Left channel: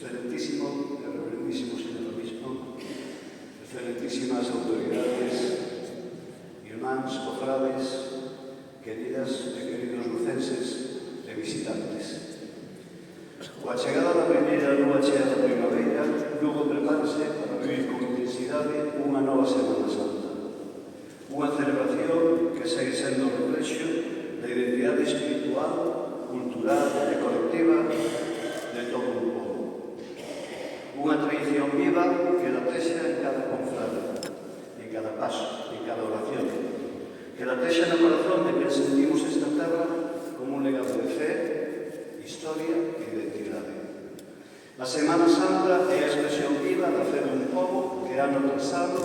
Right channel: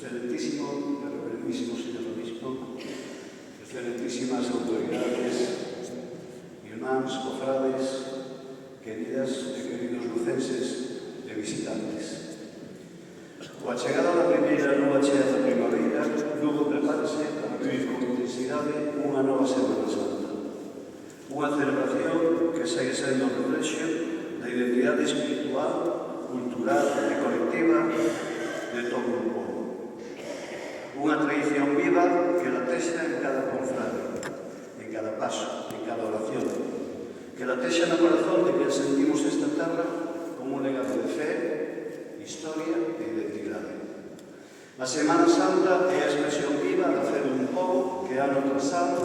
Excelentísimo, reverendísimo señor obispo, excelentísimas autoridades, irmáns, cofrades, queridas e queridos lucenses e visitantes. Coa chegada da primeira lúa chea da primavera, Lugo prepárase para vivir con intensidade unha nova Semana Santa. Unha celebración que segue sendo un reflexo da identidade espiritual, cultural e colectiva de todo o povo. Unha tradición viva que latexa en cada confrade, en cada paso, en cada oración, que latexa no corazón de que sentimos esta terra como un legado de fe, historia e identidade. A Semana Santa é a expresión viva da fe dun povo que ano tras ano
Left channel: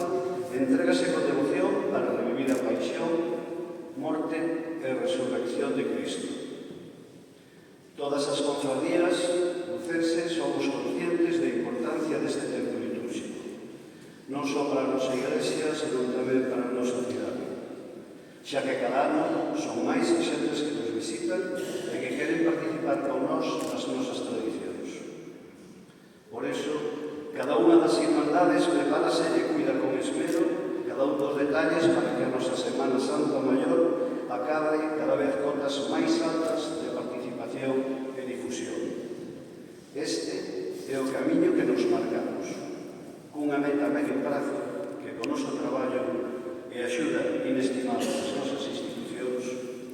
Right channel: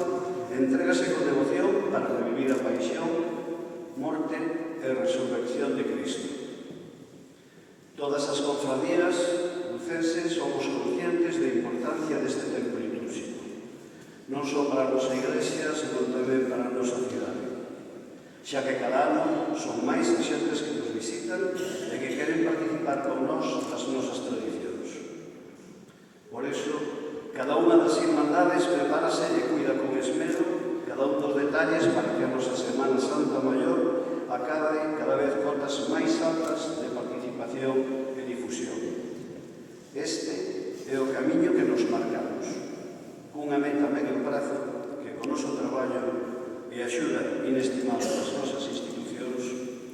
entrégase con devoción para revivir a paixón, morte e resurrección de Cristo. Todas as confradías lucenses somos conscientes da importancia deste tempo litúrgico, non só para a nosa Iglesia, senón tamén para a nosa cidade, xa que cada ano son máis as xentes que nos visitan e que queren participar con nós nas nosas tradicións. Por iso, cada unha das irmandades prepárase e cuida con esmero cada un dos detalles para que a nosa Semana Santa Maior acabe cada vez cotas máis altas de participación e difusión. Este é o camiño que nos marcamos, cunha meta a medio prazo que con o noso traballo e axuda inestimable das nosas institucións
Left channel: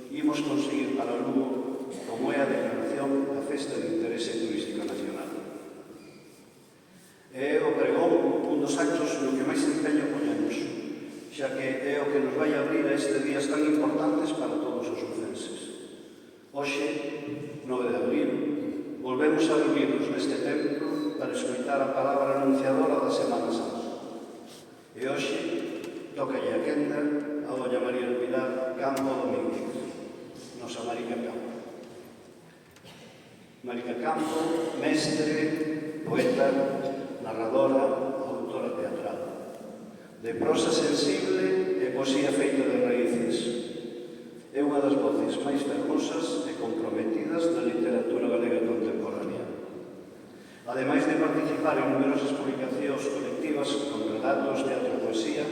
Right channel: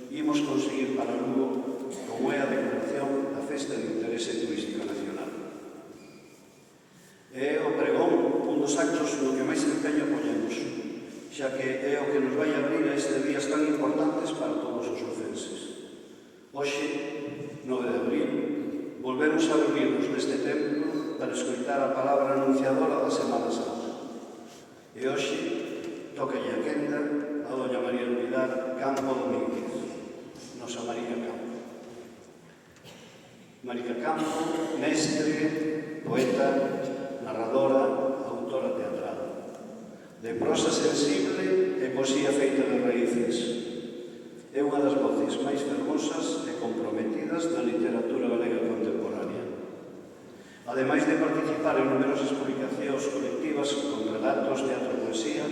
imos conseguir para Lugo como é a declaración da Festa de Interese Turístico Nacional. É o pregón un dos actos no que máis empeño ponemos, xa que é o que nos vai abrir a estes días tan importantes para todos os lucenses. Hoxe, 9 de abril, volvemos a reunirnos neste templo para escoitar a palabra anunciadora da Semana Santa. E hoxe, tocalle a quenda a doña María del Pilar Campo Domínguez, nosa Marica Campo. Marica Campo, mestre, poeta, narradora, autora teatral, de prosa sensible e poesía feita de raíces. É unha das voces máis fermosas e comprometidas na literatura galega contemporánea. Ademais de participar en numerosas publicacións colectivas con relatos, teatro e poesía,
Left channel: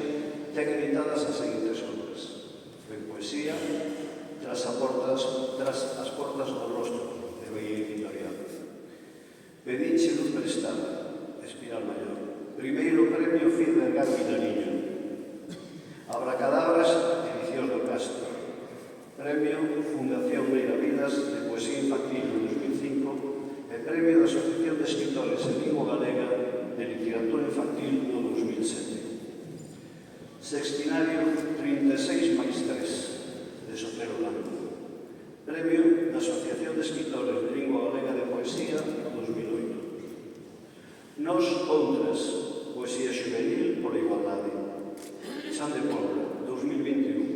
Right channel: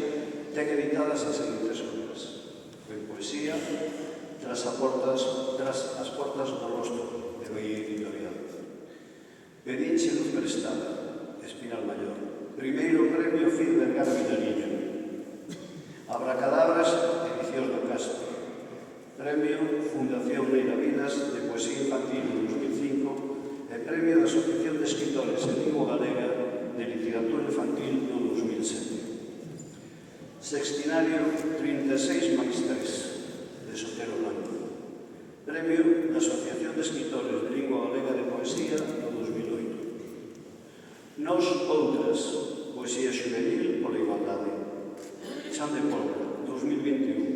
ten editadas as seguintes obras: en poesía, tras as portas do rostro, de Bahía Editorial; Pedinche luz prestada, Espiral Maior; primeiro premio Fil de Carme Nariño; Abracadabras, Edicións do Castro; Premio Fundación Neira Vidas de Poesía Infantil en 2005 e Premio da Asociación de Escritores en Lingua Galega de Literatura Infantil no 2007. Sextinario 36 máis 3 de Sotero Blanco. Premio da Asociación de Escritores de Lingua Galega de Poesía no 2008. Nos outras, Poesía Juvenil pola Igualdade. San de Pobra, 2021.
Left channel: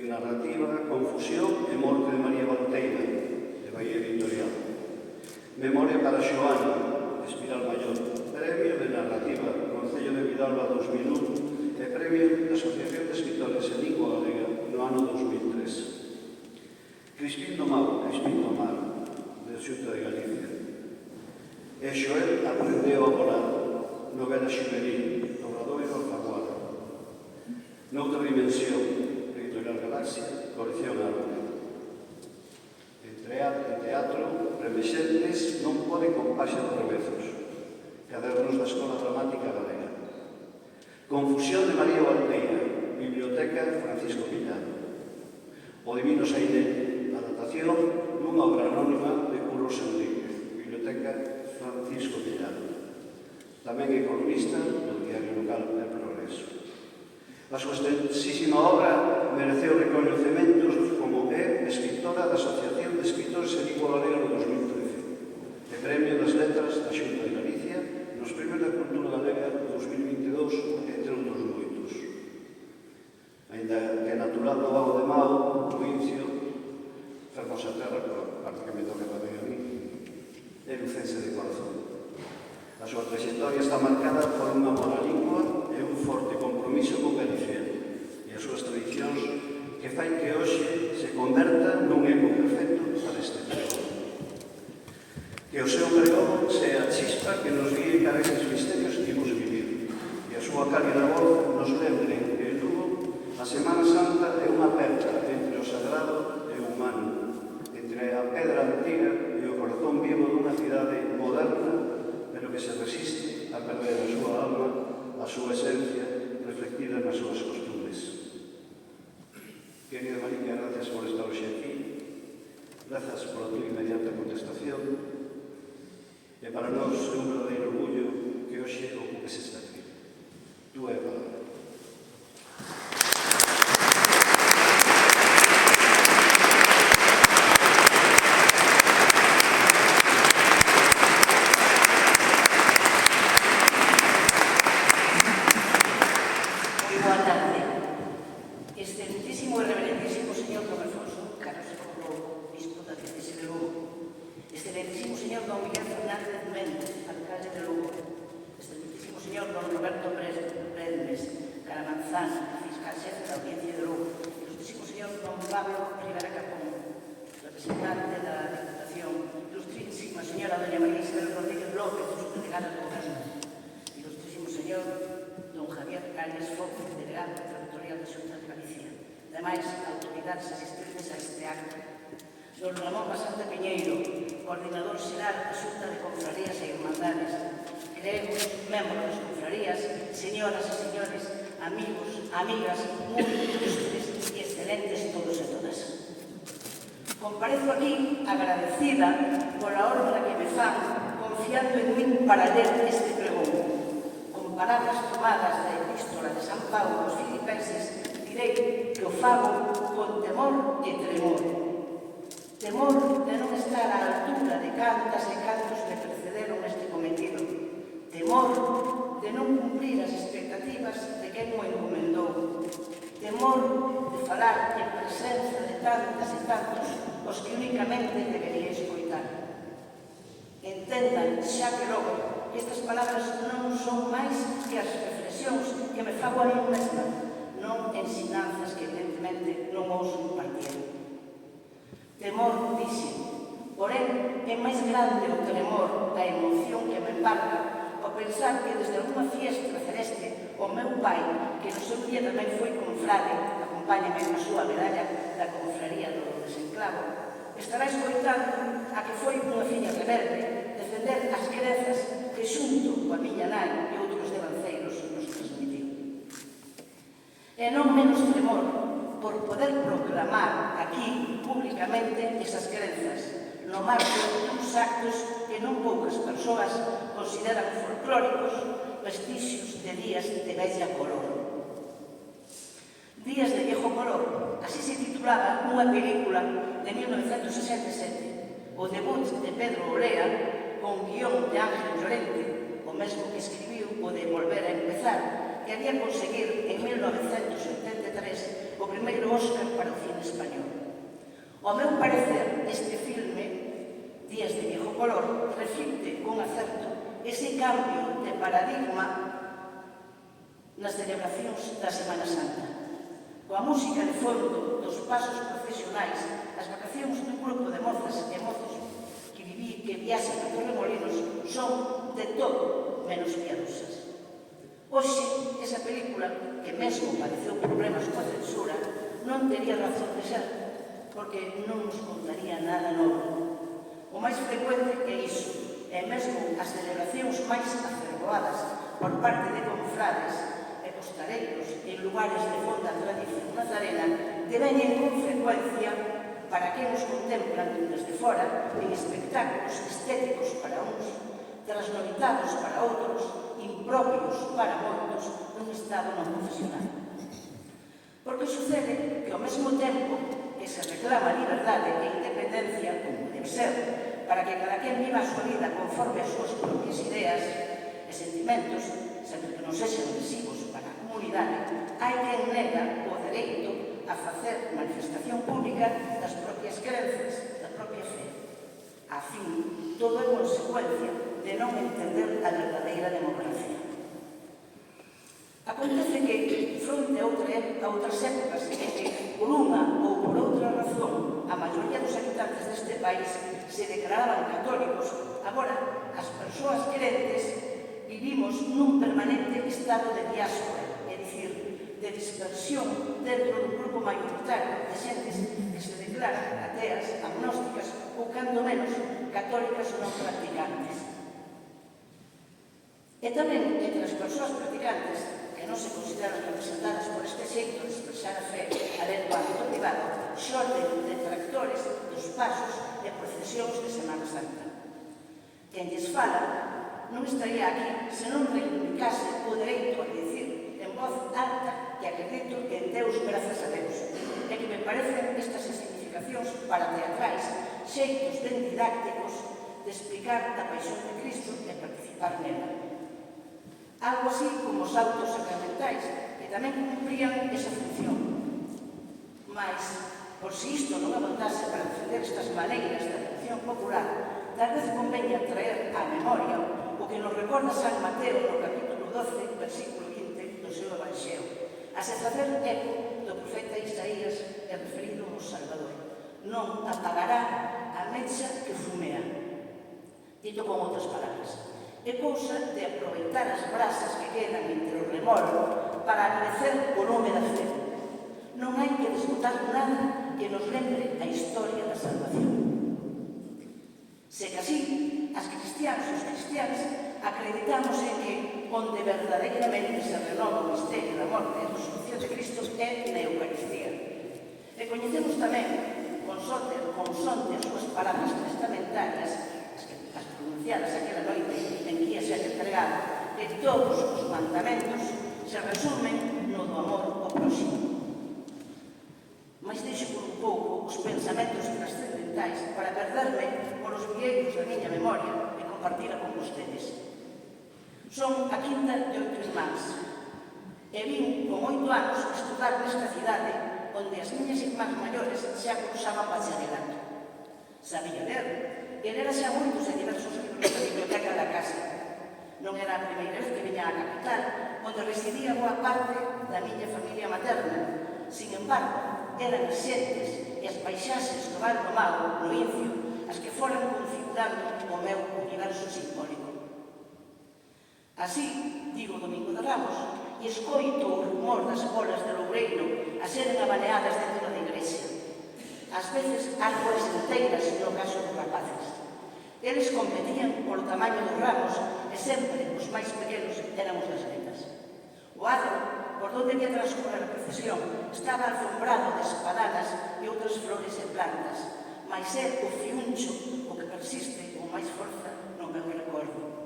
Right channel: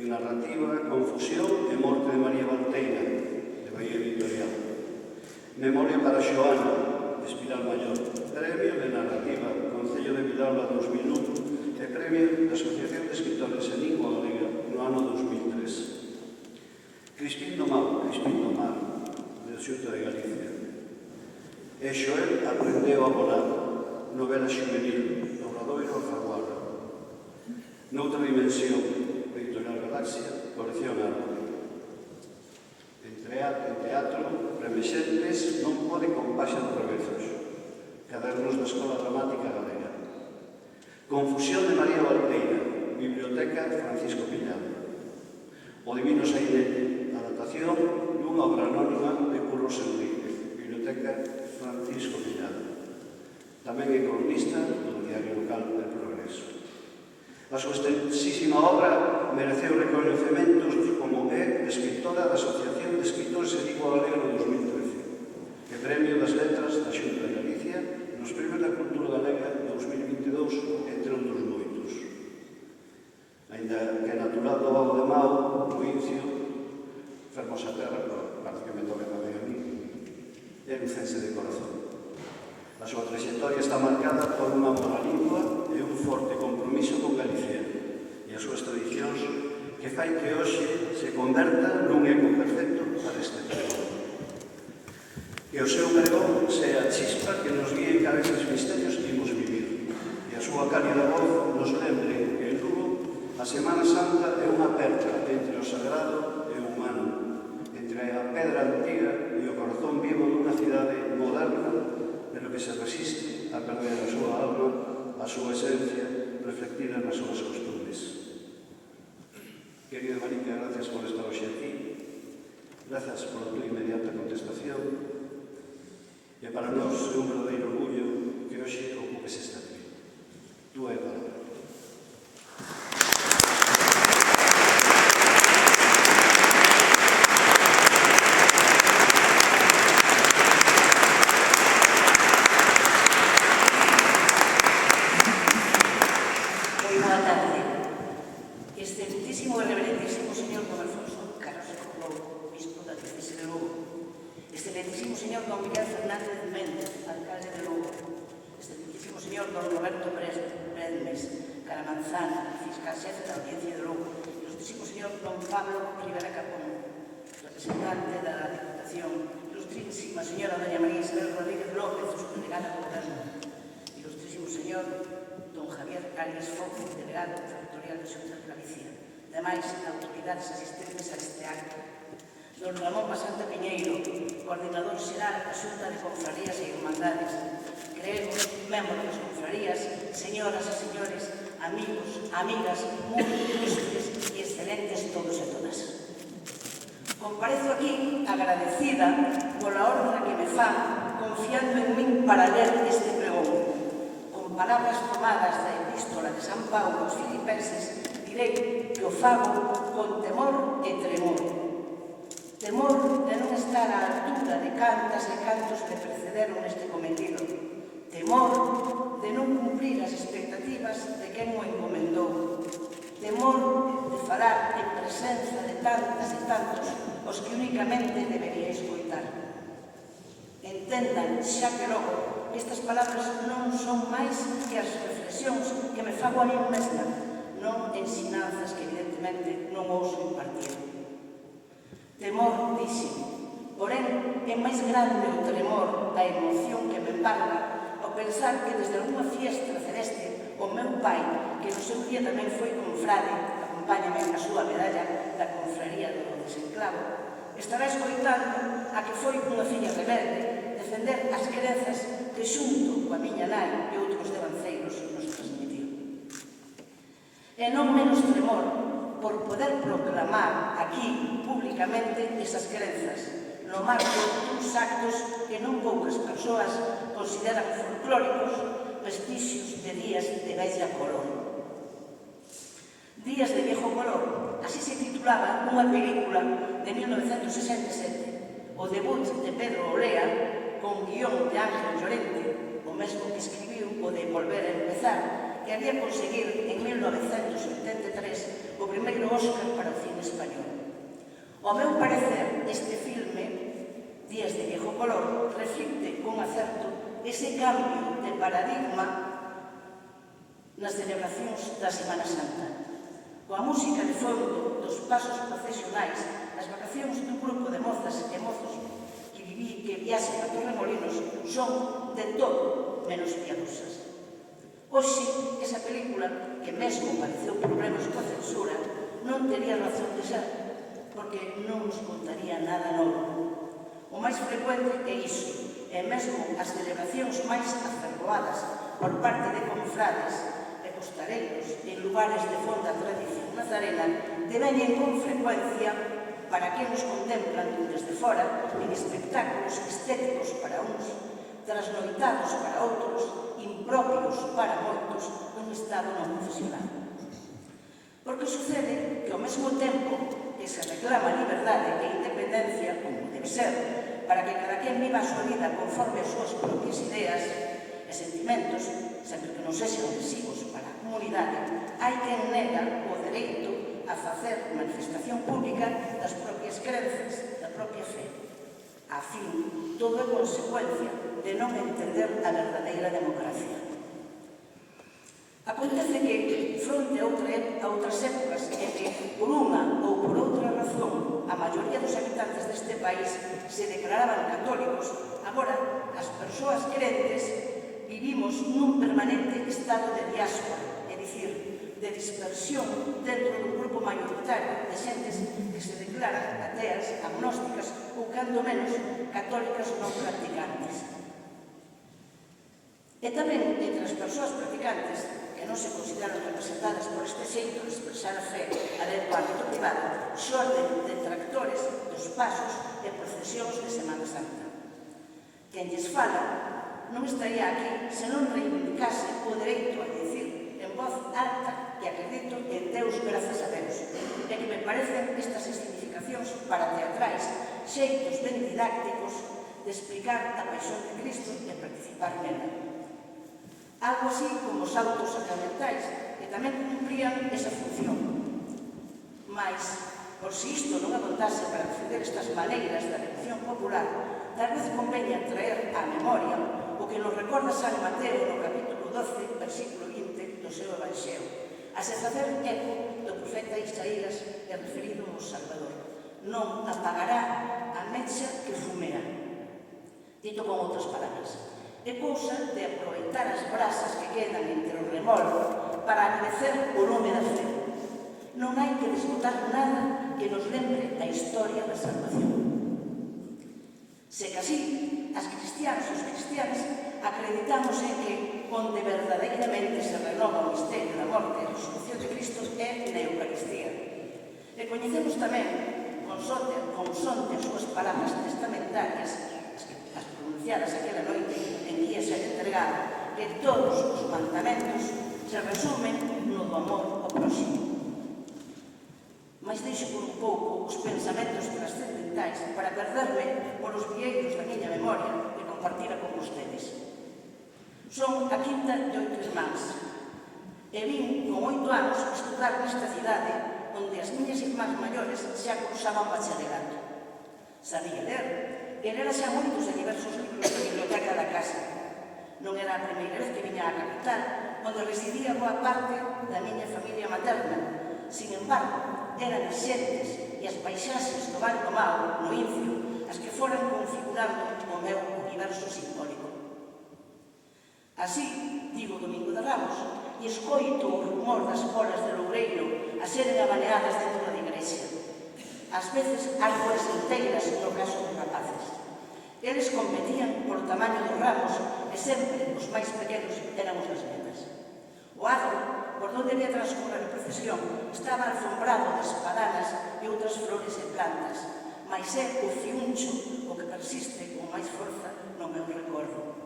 En narrativa, Confusión e Morte de María Valteira, de Bahía Editorial. Memoria para Xoana, Espiral Maior. Premio de narrativa, Concello de Vidalba 2001 e Premio da Asociación de Escritores en Lingua Galega no ano 2003. Crispín do Mar, de Xunta de Galicia. E Xoel aprendeu a volar, novela juvenil, do Obradoiro a Faguara. Noutra dimensión, Editorial Galaxia, Colección Árbol. En teatro, Remexentes non pode con Paxa de Revezos, cadernos da Escola Dramática Galega. Confusión de María Valteira, Biblioteca Francisco Piñado. O Divino Sainete, adaptación dunha obra anónima de Curros Enrique, Biblioteca Francisco Piñado. Tamén é columnista do diario local El Progreso. A súa extensísima obra mereceu recoñecementos como é escritora da Asociación de Escritores en Lingua Galega no 2013 e Premio das Letras da Xunta de Galicia nos Premios da Cultura Galega 2022, entre outros moitos. Ainda que natural do Vago de Mao, provincia, fermosa terra, prácticamente o que tamén a mí, é lucense de corazón. A súa trayectoria está marcada por unha boa lingua e un forte compromiso con Galicia e as súas tradicións que fai que hoxe se converta nun eco perfecto para este emprego. Que o seu pregón sea a chispa que nos guíe cara a eses misterios que imos vivir e a súa cálida voz nos lembre que en Lugo a Semana Santa é unha aperta entre o sagrado e o humano, entre a pedra antiga e o corazón vivo dunha cidade moderna pero que se resiste a perder a súa alma, a súa esencia, reflectida nas súas costumes. Querida Marica, gracias por estar hoxe aquí, gracias por a tua inmediata contestación, e para nós é un verdadeiro orgullo que hoxe ocupes esta aquí. Tú é a palabra. Excelentísimo e reverendísimo señor Don Alfonso Carlos Lobo, bispo da diocese de Lugo, excelentísimo señor Don Miguel Fernández Méndez, alcalde de Lugo, excelentísimo señor Don Roberto Bresmes, Caramanzán, fiscal xefe da audiencia de Lugo, ilustrísimo señor Don Pablo Rivera Capón, representante da Diputación, ilustrísima señora Doña María Isabel Rodríguez López, subdelegada do Goberno, ilustrísimo señor Don Javier Arias Foz, delegado territorial da Xunta de Galicia, demais autoridades asistentes a este acto, Don Ramón Basanta Piñeiro, coordinador xeral da Xunta de Confrarías e Irmandades, queridos membros das confrarías, señoras e señores, amigos, amigas, moi ilustres e excelentes todos e todas. Comparezo aquí agradecida pola orden que me fan, confiando en min para ler este pregón. Con palabras tomadas da Epístola de San Paulo aos Filipenses, direi que o fago con temor e tremor. Temor de non estar á altura de cantas e cantos me precederon neste cometido. Temor de non cumprir as expectativas de quen o encomendou. Temor de falar en presenza de tantas e tantos os que únicamente debería escoitar. Entendan, xa que logo, estas palabras non son máis que as reflexións que me fago a mí mesma, non ensinanzas que evidentemente non ouso impartir. Temor, dixen, porén é máis grande o tremor da emoción que me embarga ao pensar que desde alguna fiesta celeste o meu pai, que no seu día tamén foi confrade, acompáñame na súa medalla da confraría do desenclavo, estará escoitando a que foi unha filla rebelde defender as crenzas que xunto coa miña nai e outros devanceiros nos transmitiu. E non menos tremor por poder proclamar aquí públicamente esas crenzas no marco duns actos que non poucas persoas consideran folclóricos, vestixios de días de bella color. Días de viejo color, así se titulaba unha película de 1967, o debut de Pedro Olea con guión de Ángel Llorente, o mesmo que escribiu o de Volver a Empezar, que había conseguir en 1983 o primeiro Óscar para o cine español. Ao meu parecer, este filme, Días de viejo color, reflicte con acerto ese cambio de paradigma nas celebracións da Semana Santa. Coa música de fondo dos pasos procesionais, as vacacións dun grupo de mozas e mozos que viaxen a Torremolinos son de todo menos piadosas. Hoxe, esa película, que mesmo pareceu problemas coa censura, non tería razón de ser, porque non nos contaría nada novo. O máis frecuente é iso, e mesmo as celebracións máis aferroadas por parte de confrades e costareiros en lugares de fonda tradición nazarena deveñen con frecuencia para que nos contemplan desde fora en espectáculos estéticos para uns, trasnoitados para outros, impropios para moitos, un estado non profesional. Porque sucede que ao mesmo tempo que se reclama liberdade e independencia, como debe ser, para que cada quen viva a súa vida conforme as súas propias ideas e sentimentos, sempre que non sexan lesivos para a comunidade, hai quen nega o dereito a facer manifestación pública das propias crenzas, da propia fe. A fin, todo é consecuencia de non entender a verdadeira democracia. Acontece que, fronte a outras épocas en que, por unha ou por outra razón, a maioría dos habitantes deste país se declaraban católicos, agora as persoas crentes vivimos nun permanente estado de diáspora, é dicir, de dispersión dentro dun grupo maioritario de xentes que se declaran ateas, agnósticas ou, cando menos, católicas non practicantes. E tamén, entre as persoas practicantes, que non se consideran representadas por este xeito de expresar a fe a dentro do ámbito privado, xorden detractores dos pasos e procesións de Semana Santa. Quen lles fala non estaría aquí se non reivindicase o dereito a dicir en voz alta que acredito en Deus grazas a Deus, e que me parecen estas significacións para teatrais, xeitos ben didácticos de explicar a paixón de Cristo e participar nela. Algo así como os autos sacramentais, que tamén cumprían esa función. Mais, por si isto non abondase para defender estas maneiras da devoción popular, tal vez conveña traer á memoria o que nos recorda San Mateo no capítulo 12, versículo 20 do seu Evanxeo, a se facer eco do profeta Isaías e referido ao Salvador. Non apagará a mecha que fumea. Dito con outras palabras, é cousa de aproveitar as brasas que quedan entre o remolo para agradecer o nome da fe. Non hai que desbotar nada que nos lembre a historia da salvación. Se que así, as cristianas e os cristianos acreditamos en que onde verdadeiramente se renova o misterio da morte e a resurrección de Cristo é na Eucaristía. E coñecemos tamén, con son de as súas palabras testamentarias, as pronunciadas aquela noite en que ia ser entregado, que todos os mandamentos se resumen no do amor ao próximo. Mas deixo por un pouco os pensamentos trascendentais para perderme polos vieiros da miña memoria e compartila con vostedes. Son a quinta de 8 irmáns e vin con 8 anos estudar nesta cidade onde as miñas irmás maiores xa cursaban bacharelato. Sabía ler, e lera xa moitos e diversos libros da biblioteca da casa. Non era a primeira vez que viña á capital, onde residía boa parte da miña familia materna. Sin embargo, eran as xentes e as paisaxes do Val do Mago, no Incio, as que foran configurando o meu universo simbólico. Así, digo o Domingo de Ramos, e escoito o rumor das bolas de Loureiro a seren amaneadas dentro da igrexa. Ás veces, árboles inteiras no caso dos rapaces. Eles competían por tamaño dos ramos e sempre os máis pequenos éramos as nenas. O adro, por onde había transcorrer a procesión, estaba alfombrado de espadanas e outras flores e plantas, mas é o fiuncho o que persiste con máis forza no meu recordo.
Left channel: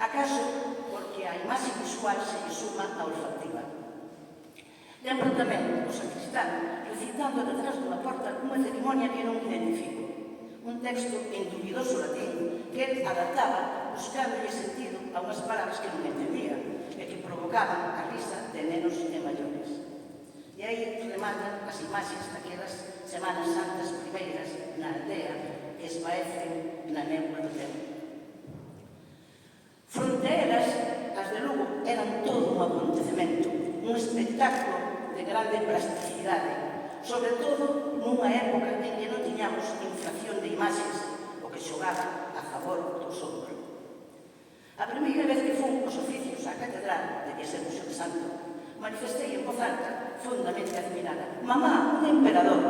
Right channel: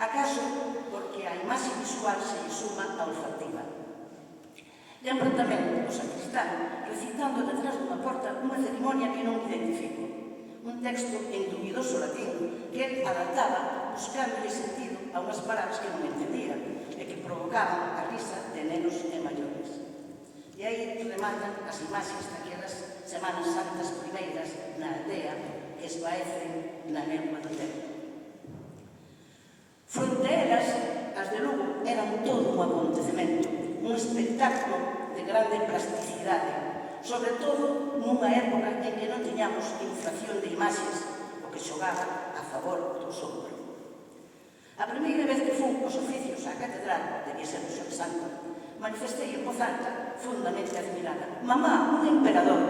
Acaso porque a imaxe visual se lle suma a olfativa. Lembro tamén o sacristán recitando detrás dunha porta unha cerimonia que non identifico. Un texto en dubidoso latín que ele adaptaba buscándolle sentido a unhas palabras que non entendía e que provocaban a risa de nenos e maiores. E aí rematan as imaxes daquelas Semanas Santas primeiras na aldea que esvaecen na neuma do tempo. Fronte a elas, as de Lugo eran todo un acontecemento, un espectáculo de grande plasticidade, sobre todo nunha época en que non tiñamos inflación de imaxes, o que xogaba a favor do sombro. A primeira vez que fui os oficios á catedral, debía ser o seu santo, manifestei en voz alta, fundamente admirada: «Mamá, un emperador!»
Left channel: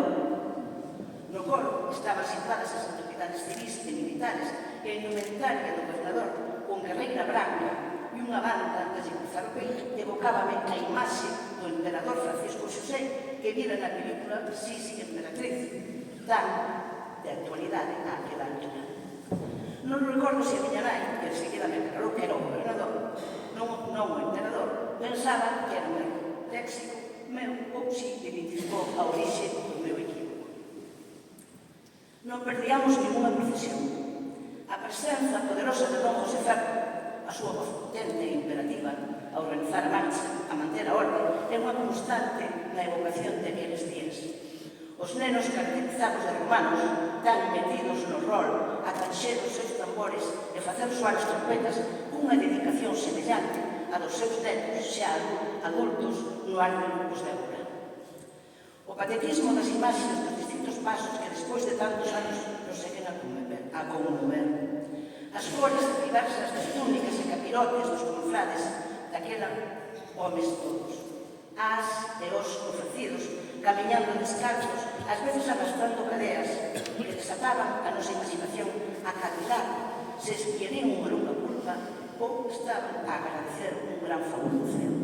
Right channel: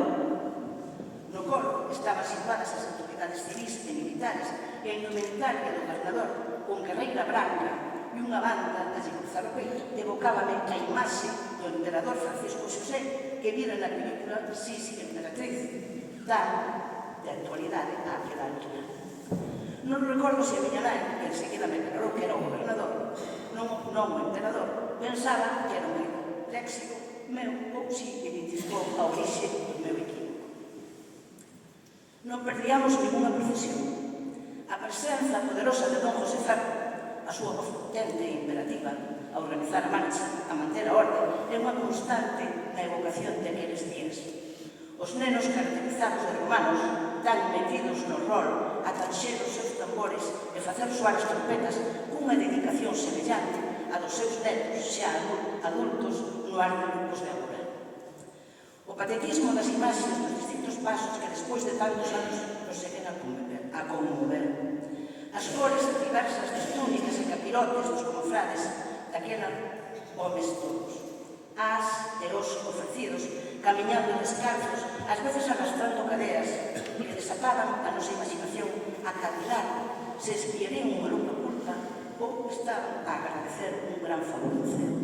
No coro estaban situadas as autoridades civis e militares e a indumentaria do gobernador, con guerreira branca e unha banda a lle cruzar o peito, evocábame a imaxe do emperador Francisco Xosé que vira na película Sisi Emperatriz, tan de actualidade a aquela altura. Non recordo se a miña nai, que enseguida me aclarou que era o gobernador, non o emperador, pensaba que era un grego léxico meu ou si identificou a orixe do meu equipo. Non perdíamos ninguna procesión. A presenza poderosa de Don José Ferro, a súa voz potente e imperativa, a organizar a marcha, a manter a orde, é unha constante na evocación de aqueles días. Os nenos caracterizados de romanos, tan metidos no rol, a tranxer os seus tambores e facer soar as trompetas cunha dedicación semellante a dos seus netos xa adultos no ar de grupos de agora. O patetismo das imaxes dos distintos pasos que despois de tantos anos nos seguen a conmover. As cores diversas das túnicas e capirotes dos confrades daquela homes todos. As e os ofrecidos, camiñando descalzos, ás veces arrastrando cadeas que desataban a nosa imaginación a calcular se espiarían unha louca culpa ou estaban a agradecer un gran favor do ceo.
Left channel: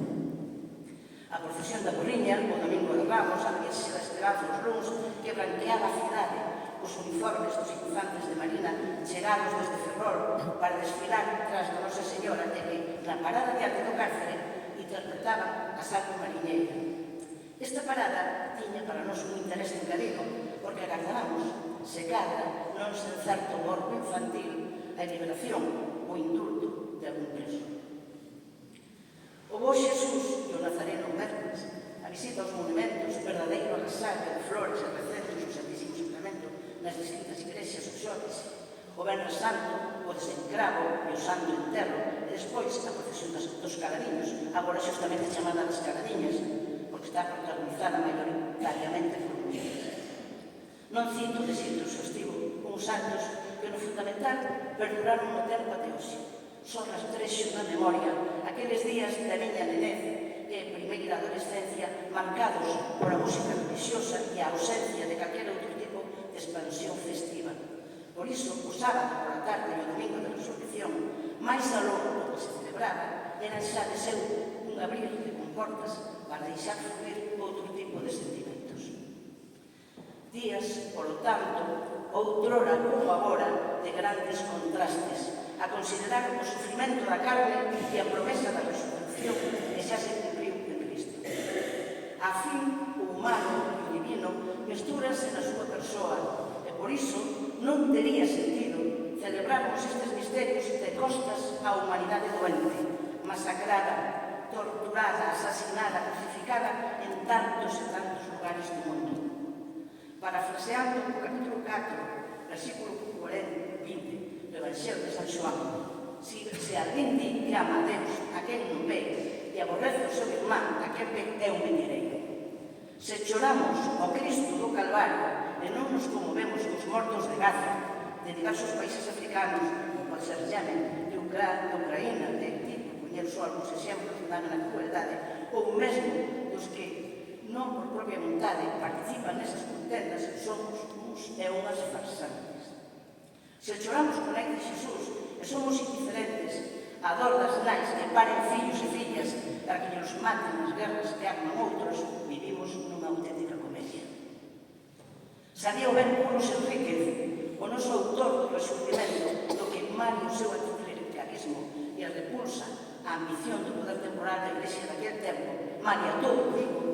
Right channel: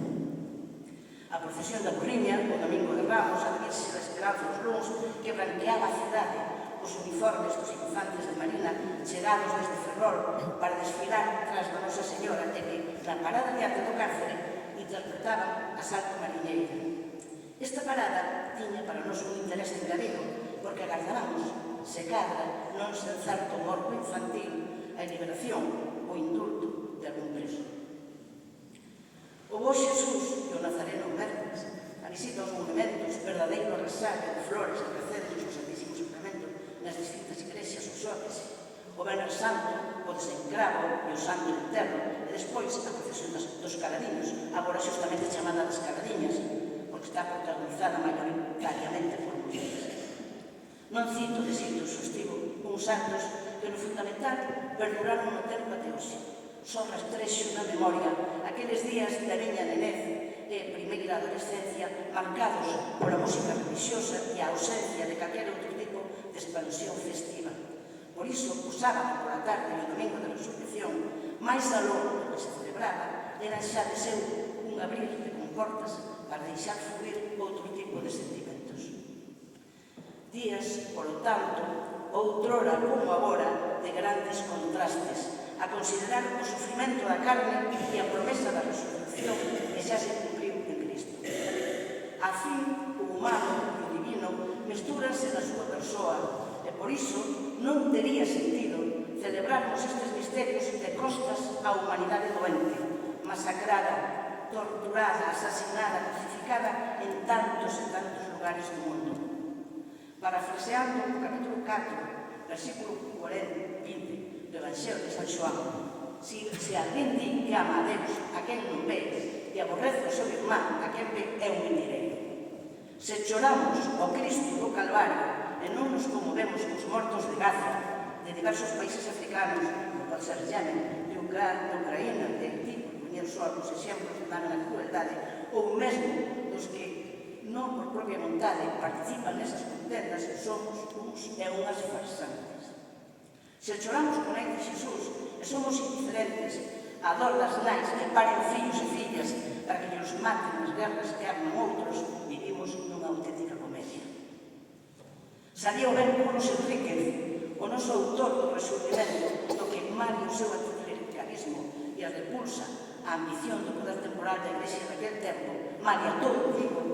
A procesión da Burriña, o domingo de Ramos, a Virxe da Esperanza dos Luns, que branqueaba a cidade, os uniformes dos infantes de Marina chegados desde Ferrol para desfilar tras da Nosa Señora e que, na parada diante do cárcere, interpretaban a Santa Mariñeira. Esta parada tiña para nós un interés engadido, porque agardábamos, se cadra, non sen certo morbo infantil, a liberación ou indulto de algún preso. O bo Xesús e o Nazareno Mércoles, a visita aos monumentos, verdadeiro rasaca de flores e recetos do Santísimo Sacramento nas distintas igrexas usuales, o Venres Santo, o desencravo e o Santo Enterro, e despois a procesión dos Caradiños, agora xustamente chamada das Caradiñas, porque está protagonizada maioritariamente por mulleres. Non cito de xeito exhaustivo uns actos que no fundamental perduraron no tempo até hoxe. Son rastrexos na memoria aqueles días da miña nenez e primeira adolescencia marcados pola música religiosa e a ausencia de calquera outro tipo de expansión festiva. Por iso, o sábado pola tarde e o domingo da Resurrección, máis aló do que se celebraba, eran xa de seu un abrir de comportas para deixar fluir outro tipo de sentimentos. Días, polo tanto, outrora como agora, de grandes contrastes, a considerar o sufrimento da carne e a promesa da resurrección que xa se cumpriu en Cristo. A fin, o humano e o divino mestúranse na súa persoa e, por iso, non tería sentido celebrarmos estes misterios de costas á humanidade doente, masacrada, torturada, asasinada, crucificada en tantos e tantos lugares do mundo. Parafraseando o capítulo 4, versículo 20 do Evangelio de San Xoán, se alguén di que ama a Deus, aquel non ve, e aborrece o seu irmán, aquel ve é un mentireiro. Se choramos ao Cristo do Calvario e non nos conmovemos cos mortos de Gaza, de diversos países africanos, como ser Yemen, de Ucraína, de Haití, por poñer só algúns exemplos da crueldade, ou mesmo dos que non por propia vontade participan nesas contendas, somos uns e unhas farsantes. Se choramos con a de Xesús e somos indiferentes á dor das nais que paren fillos e fillas para que nos maten nas guerras que arman outros, vivimos nunha auténtica comedia. Sabía o ben Carlos Enríquez, o noso autor do Resurgimento, do que malia o seu anticlericalismo e a repulsa á ambición do poder temporal da Iglesia daquel tempo, malia todo, digo,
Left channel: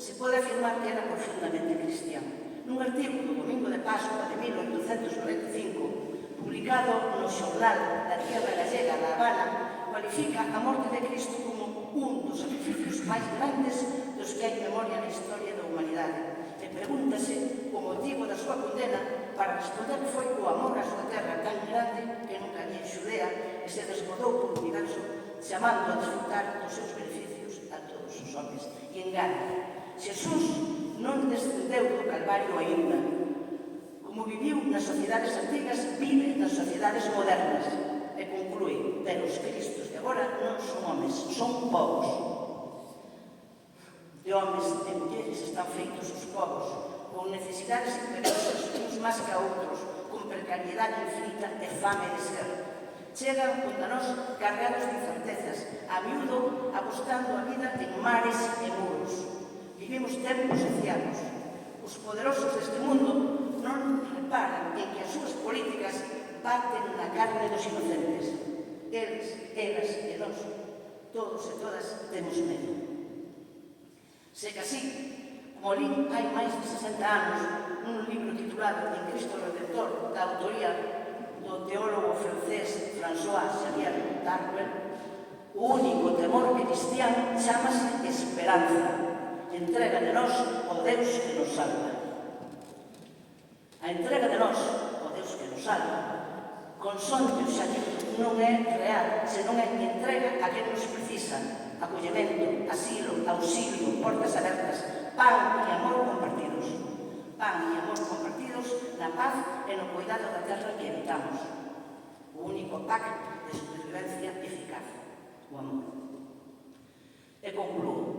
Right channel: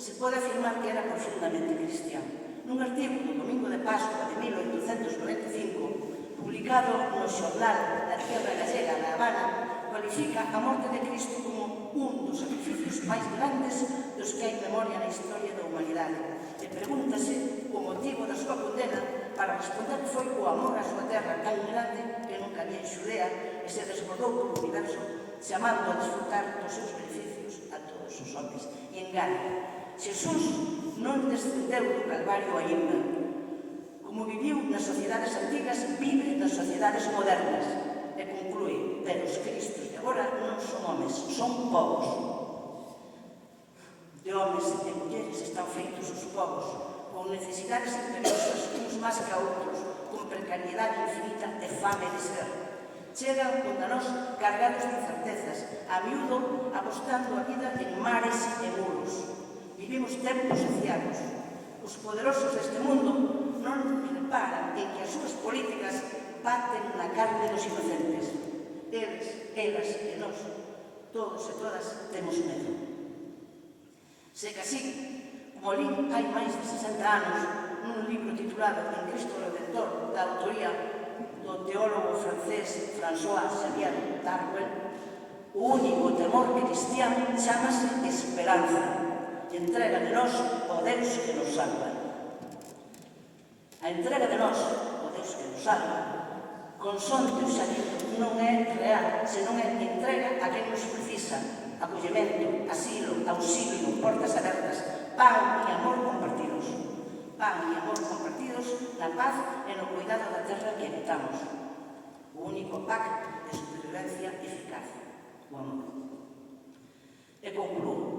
se pode afirmar que era profundamente cristiano. Nun artigo do Domingo de Pascua de 1895, publicado no xornal La Tierra Gallega da Habana, cualifica a morte de Cristo como un dos sacrificios máis grandes dos que hai memoria na historia da humanidade. E pregúntase o motivo da súa condena para responder que foi o amor á súa terra tan grande que nunca había en Xudea e se desbordou polo universo, chamando a desfrutar dos seus beneficios a todos os homens. E engane, Xesús non descendeu do Calvario aínda. Como viviu nas sociedades antigas, vive nas sociedades modernas. E conclúe, pero os cristos de agora non son homes, son povos. De homes e mulleres están feitos os povos, con necesidades imperiosas, uns máis que outros, con precariedade infinita e fame de ser. Chegan contra nós cargados de incertezas, a miúdo apostando a vida en mares e muros. Vivimos tempos socianos. Os poderosos deste mundo non reparan en que as súas políticas baten na carne dos inocentes. Eles, elas e nós, todos e todas, temos medo. Se que así, como li hai máis de 60 anos, nun libro titulado En Cristo Redentor, da autoría do teólogo francés François Xavier Darwin, o único temor cristiano chamase esperanza. Entrega de nós ao Deus que nos salva. A entrega de nós ao Deus que nos salva, consonante o xadido, non é portas abertas, pan e amor compartidos. Pan e amor compartidos na paz e no cuidado da terra que habitamos. O único pacto de supervivencia eficaz, o amor. E concluo.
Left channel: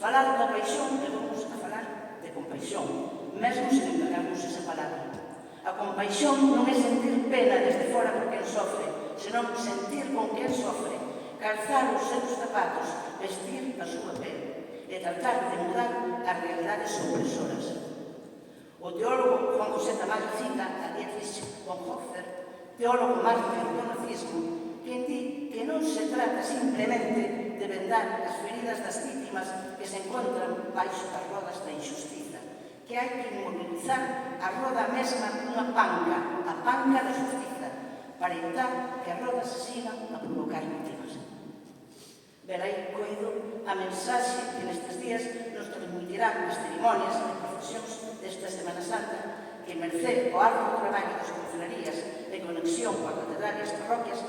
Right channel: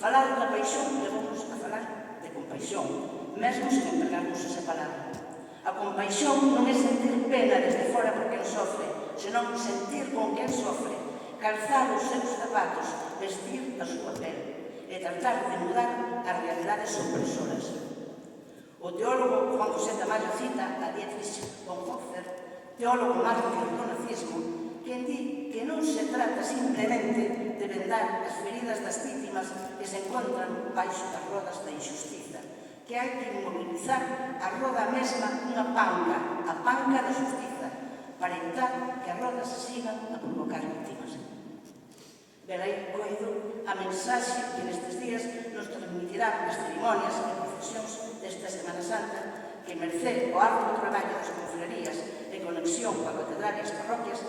Falar da paixón levamos a falar de compaixón, mesmo sen empregarmos esa palabra. A compaixón non é sentir pena desde fora por quen sofre, senón sentir con quen sofre, calzar os seus zapatos, vestir a súa pel e tratar de mudar as realidades opresoras. O teólogo Juan José Tamayo cita a Dietrich Bonhoeffer, teólogo mártir do nazismo, que di que non se trata simplemente de vendar as feridas das vítimas que se encontran baixo das rodas da injustiza, que hai que inmobilizar a roda mesma unha panca, a panca da justiza, para evitar que as rodas sigan a provocar vítimas. Verai coido a mensaxe que nestes días nos transmitirán as cerimonias e procesións desta Semana Santa, que merced o arduo traballo das confrarías en conexión coa catedral e as parroquias